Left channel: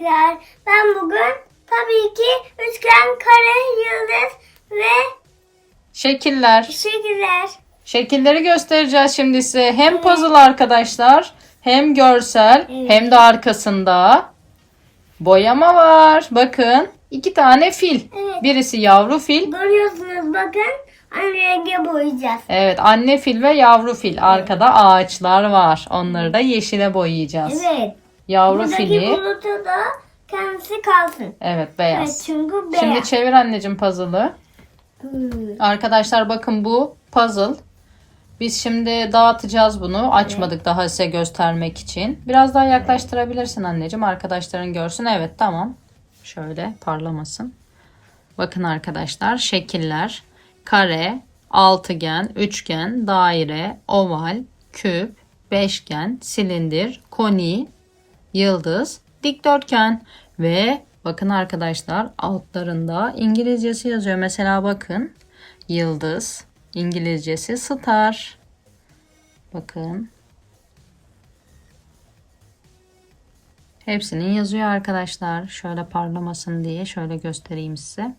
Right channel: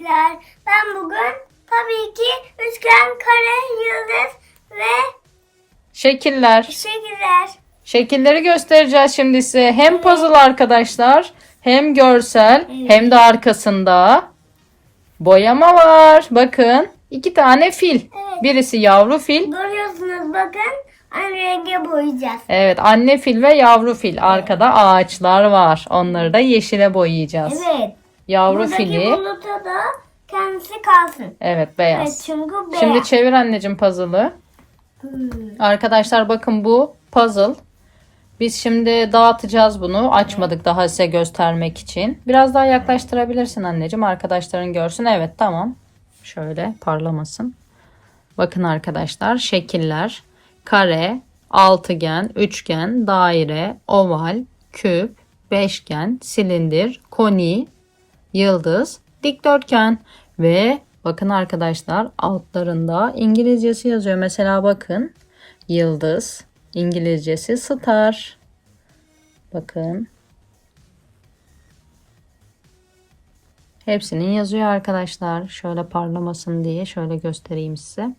Arkadaşlar ben bugün tabii ki üçgen, kare, yıldız ve Şekiller. şekiller. Şekilleri göstereceğiz şimdi size. Hem puzzle arkadaşlar, hem görsel, Evet. hem de arkasında boyama var. Bakın, iki tane fil. Evet. Birisi yavru fil. Görüyorsunuz bakın renge boyayacağız. Evet, anne fil ve yavru fil. Arkada ağaçlar var. Onları da yeşile boyayacağız. Evet. Yavru Buradaki fili. buluta da kendisi kalsın. Evet, beyaz. Evet çünkü beyaz. Şimdi çevir anneciğim puzzle'ı. Hmm. Arkadaşlar bakın bu puzzle. Biz şimdi dağıtacağız bunu. Açmadık daha size göstermek için. Biraz daha yaklaştırabilirsin anneciğim. Arkadaşların görsün. Evet tamam. Şöyle parlamasın. Bakın arkadaşlar şekiller. Kare, altıgen, üçgen, daire, oval, küp, beşgen, silindir, koni, yıldız, dikdörtgen ve bakın arkadaşlar altlarında İngilizcesi yazıyor. Mesela bakın yıldız, İngilizcesi star. Bakın. Hepsinin yazıyor arkadaşlar. Şöyle parlamasın diye şöyle göstereyim size.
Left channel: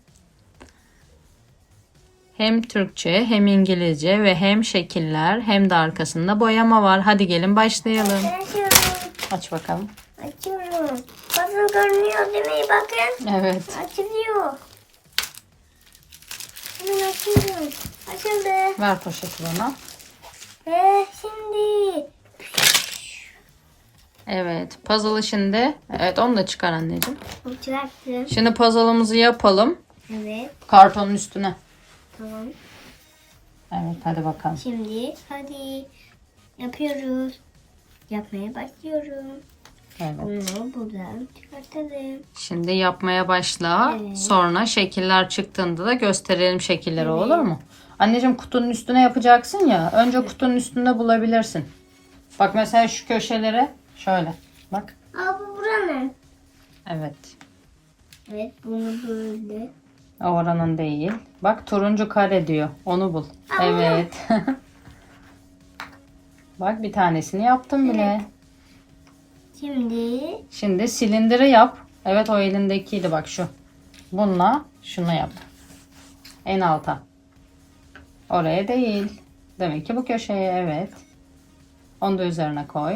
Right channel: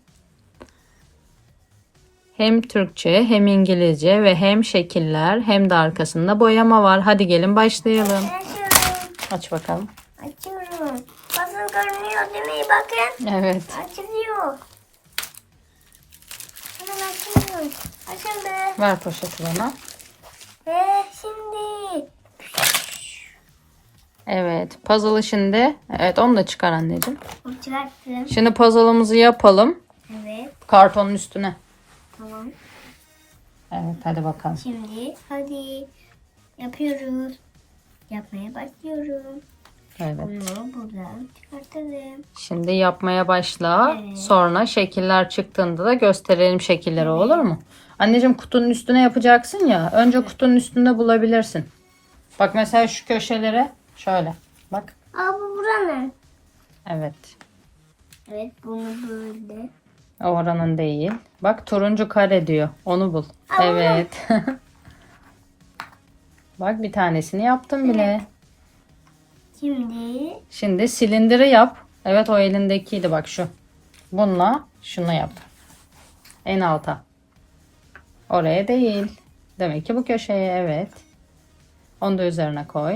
Hem Türkçe hem İngilizce ve hem şekiller hem de arkasında boyama var. Hadi gelin başlayalım. Aç bakalım. Açıyorum. Bakın görünüyor değil mi? Bakın. Evet. Açılıyor. Hemen açıyoruz. Açıldı. Ver poşeti bana. Ve şimdi Evet. Puzzle'ı şimdi. Evet onu da çıkar anneciğim. uçaktım. Şimdi puzzle'ımızı yapalım. Evet. Kartonun üstüne. Tamam. Evet hadi bakalım. Şimdi hadi yapıyoruz. Yapmaya başlıyorum. Evet. Bunu buradan çıkartalım. Şimdi yapmaya başla. Evet. Sonra şekiller çıktığında da gösterelim şekilleri olur mu? Anneciğim kutunun üstüne yapacaksın ya. Önce kutunun üstünde bulabilirsin. Bak mesela şu köşelere şöyle. Bak. Aa bu buranın. Evet. Evet bunu böyle. O oranın değil. Bak turuncu kare diyor. Onu bul. Aa, evet. Bak bir tanesini yaptım bile. Şimdi Şimdi silindiri yap. Evet o elindekiydi bak şu. Bununla şunu yap. En alta. Oraya değil. Demek ki bu köşeye evet. Onu da üzerine koy.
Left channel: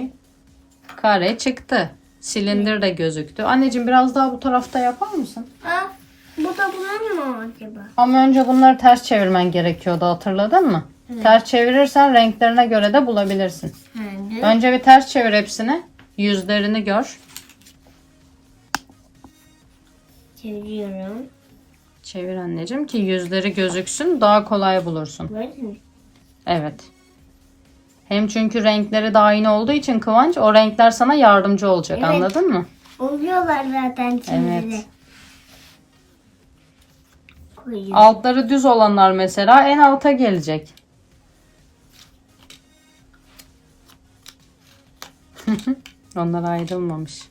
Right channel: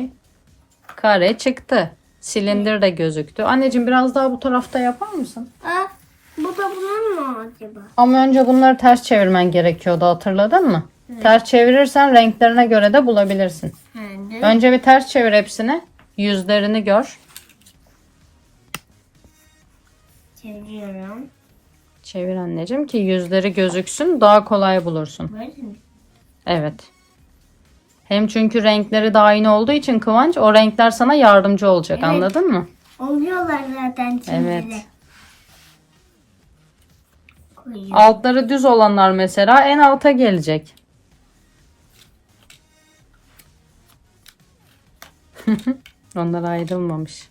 Kare çıktı. Silindir de gözüktü. Anneciğim biraz daha bu tarafta yapar mısın? aa bu da buranın mı acaba? Ama önce bunları ters çevirmen gerekiyordu hatırladın mı? Ters çevirirsen renklerine göre de bulabilirsin. Önce bir ters çevir hepsini. Yüzlerini gör. Çeviriyorum. Çevir anneciğim ki yüzleri gözüksün daha kolay bulursun. Böyle mi? Evet. Hem çünkü renkleri de aynı olduğu için Kıvanç o renkler sana yardımcı olacak Evet. anladın mı? Oluyorlar zaten şimdi Evet. de. Koyuyorum. Altları düz olanlar mesela en alta gelecek. Onlar ayrılmamış.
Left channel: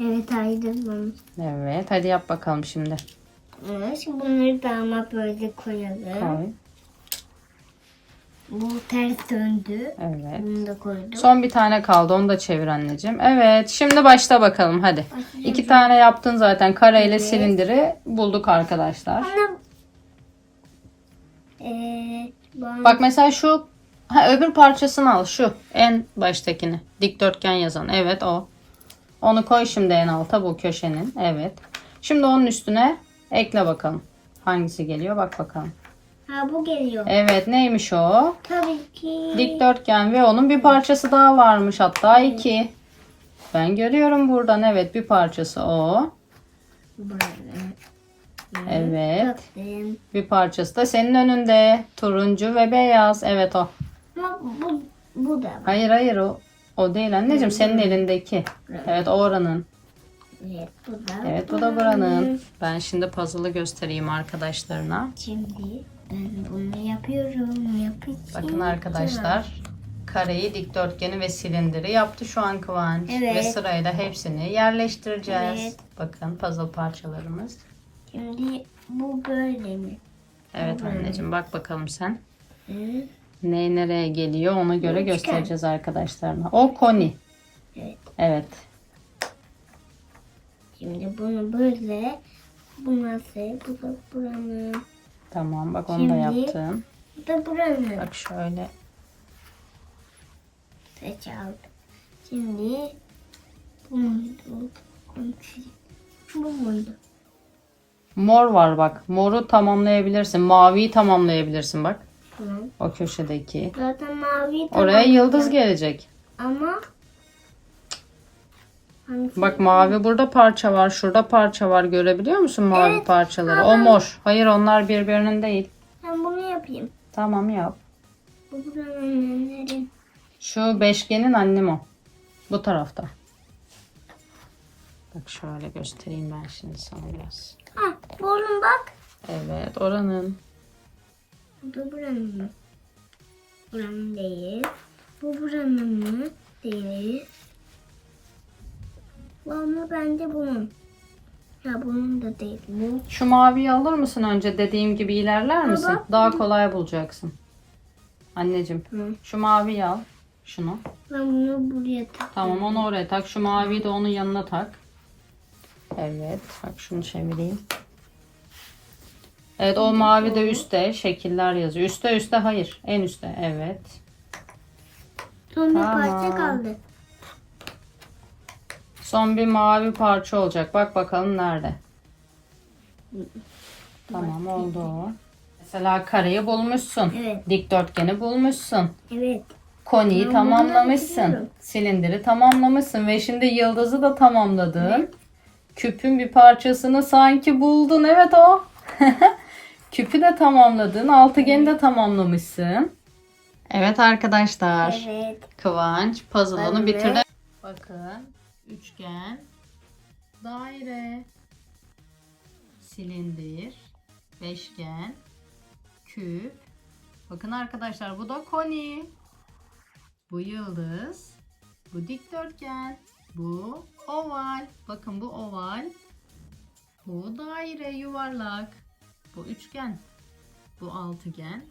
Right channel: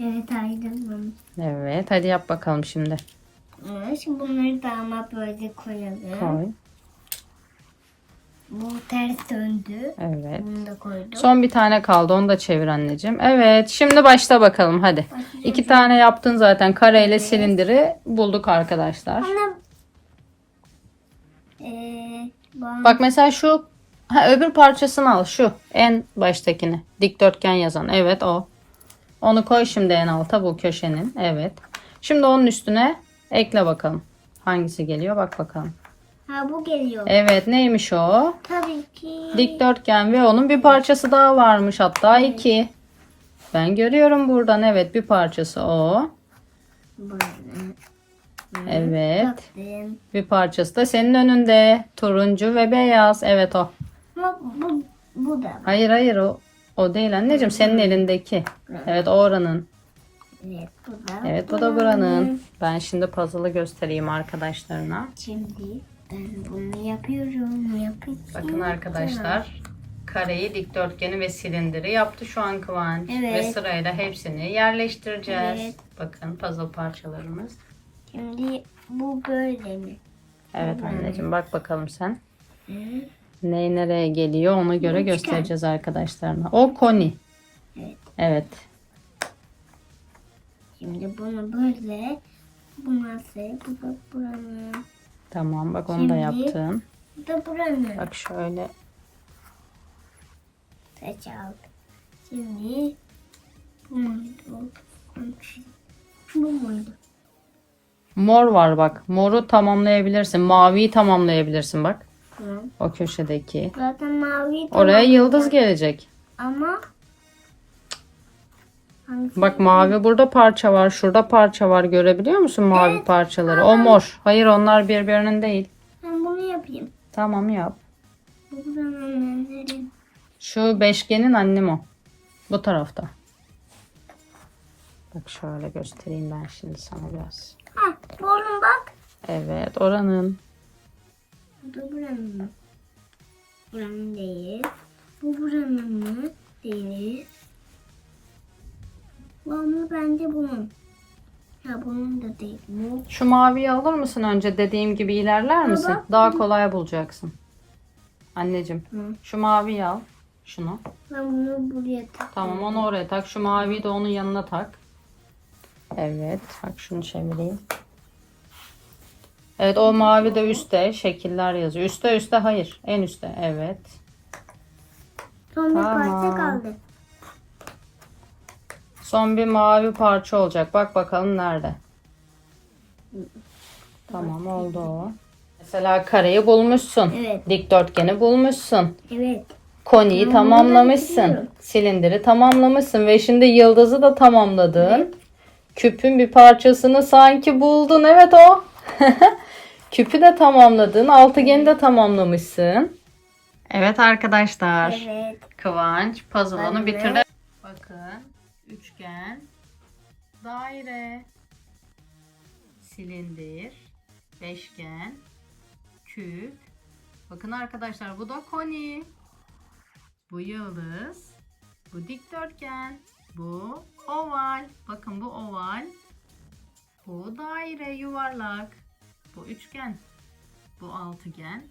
Evet ayrılmamış. Evet hadi yap bakalım şimdi. Evet, Şimdi bunları da ama böyle koyalım. Koy. Bu ters döndü. Evet. Bunu da koydum. Son bir tane kaldı onu da çevir anneciğim. Evet şimdi başla bakalım hadi. Başlayacağım. İki tane yaptın zaten kareyle Evet. silindiri bulduk arkadaşlar. Ama eee bana Bak mesela şu ha, öbür parçasını al şu en baştakini dikdörtgen yazan evet o. Onu koy şimdi en alta bu köşenin evet. Şimdi onun üstüne ekle bakalım. Hangisi geliyor bak bakalım. ha bu geliyor. Evet neymiş o? Tabii ki. Dikdörtgen ve onun bir parçası daha varmış hatta iki. Ben görüyorum buradan evet bir parçası o. Evet. Bir parçası da senin önünde. Turuncu ve beyaz. Evet o. Ama bu, bu da var. Hayır hayır o. O değil anneciğim senin elindeki. Evet o oranın. Evet bu da. Evet bu da buranın. Ben şimdi puzzle'ı göstereyim arkadaşlarına. Şimdi ben bunu yapıyorum. Yapacağım. Bakın arkadaşlar. Kareyi, dikdörtgeni ve silindiri yaptı şu an Kıvanç. Evet. Ve sırayla hepsini yerleştireceğiz. Evet. Bakın puzzle parçalarımız. Şimdi bu böyle mi? Evet anneciğim bak bakalım sen. Hı? Ne nereye geliyor ona göre Üçgen. göstereceğiz arkadaşlarına. O koni. Evet. Evet. Şimdi bunu böyle. Bu nasıl? Bu da buranın. Tamam bak onu da Şimdi- yaptım. Bu da buranın. Bak şöyle. Saç aldım. Şimdi bu muydu? Bu muydu? Mor var bak. Moru tamamlayabilirsin. Maviyi tamamlayabilirsin bak. Tamam. O köşedeki. Zaten mavi Oraya yıldız gelecek. Ama hangisi? Bak mavi burada parça var. Şurada parça var. Görebiliyor musun mavi Evet, parçaları? O ama- mor. Hayır onlar birbirinin değil. Ben bunu yapayım. Tamam yap. Bu buranın önlerin. Şu beşgenin annem o. Bu tarafta. Bak şöyle göstereyim ben şimdi sana biraz. Ha, buranın bak. Evet oranın. Bu buranın mı? Buranın değil. Bu buranın mı? Değil. Bu ama bence bunun. Ya bunun da değil. Bu. Şu maviyi alır mısın önce dediğim gibi ilerler misin? bak. Daha kolay bulacaksın. Anneciğim Hı. şu maviyi al. Şunu. Ben bunu buraya takıyorum. Tamam onu oraya tak. Şu maviyi de onun yanına tak. Evet. Bak şunu çevireyim. Evet o mavi de üstte şekiller yazıyor. Üste üste hayır. En üstte. Evet. Son bir Tamam. parça kaldı. Son bir mavi parça olacak. Bak bakalım nerede. Tamam oldu o. Mesela kareyi bulmuşsun. Evet. Dikdörtgeni bulmuşsun. Evet. Koniyi Ben tamamlamışsın. biliyorum. Silindiri tamamlamışsın ve şimdi yıldızı da tamamladın. Küpün bir parçasını sanki buldun. Evet o. Küpü de tamamladın. Altıgeni de tamamlamışsın. Evet arkadaşlar. Evet. Kıvanç puzzle'ını bitirdi. Bakın. Üçgen. Daire. Silindir. Beşgen. Küp. Bakın arkadaşlar bu da koni. Bu yıldız. Bu dikdörtgen. Bu oval. Bakın bu oval. Bu daire yuvarlak. Bu üçgen. Bu altıgen.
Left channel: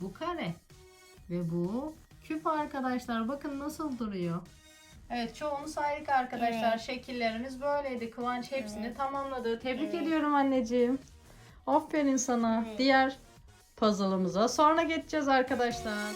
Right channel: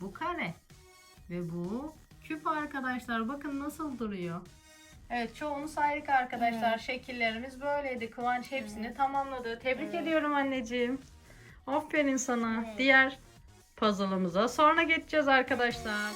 Bu kare. Ve bu küp arkadaşlar. Bakın nasıl duruyor. Evet çoğunu saydık arkadaşlar. Evet. Şekillerimiz böyleydi. Kıvanç hepsini Evet. tamamladı. Tebrik Evet. ediyorum anneciğim. Aferin sana. Evet. Diğer puzzle'ımıza sonra geçeceğiz arkadaşlar.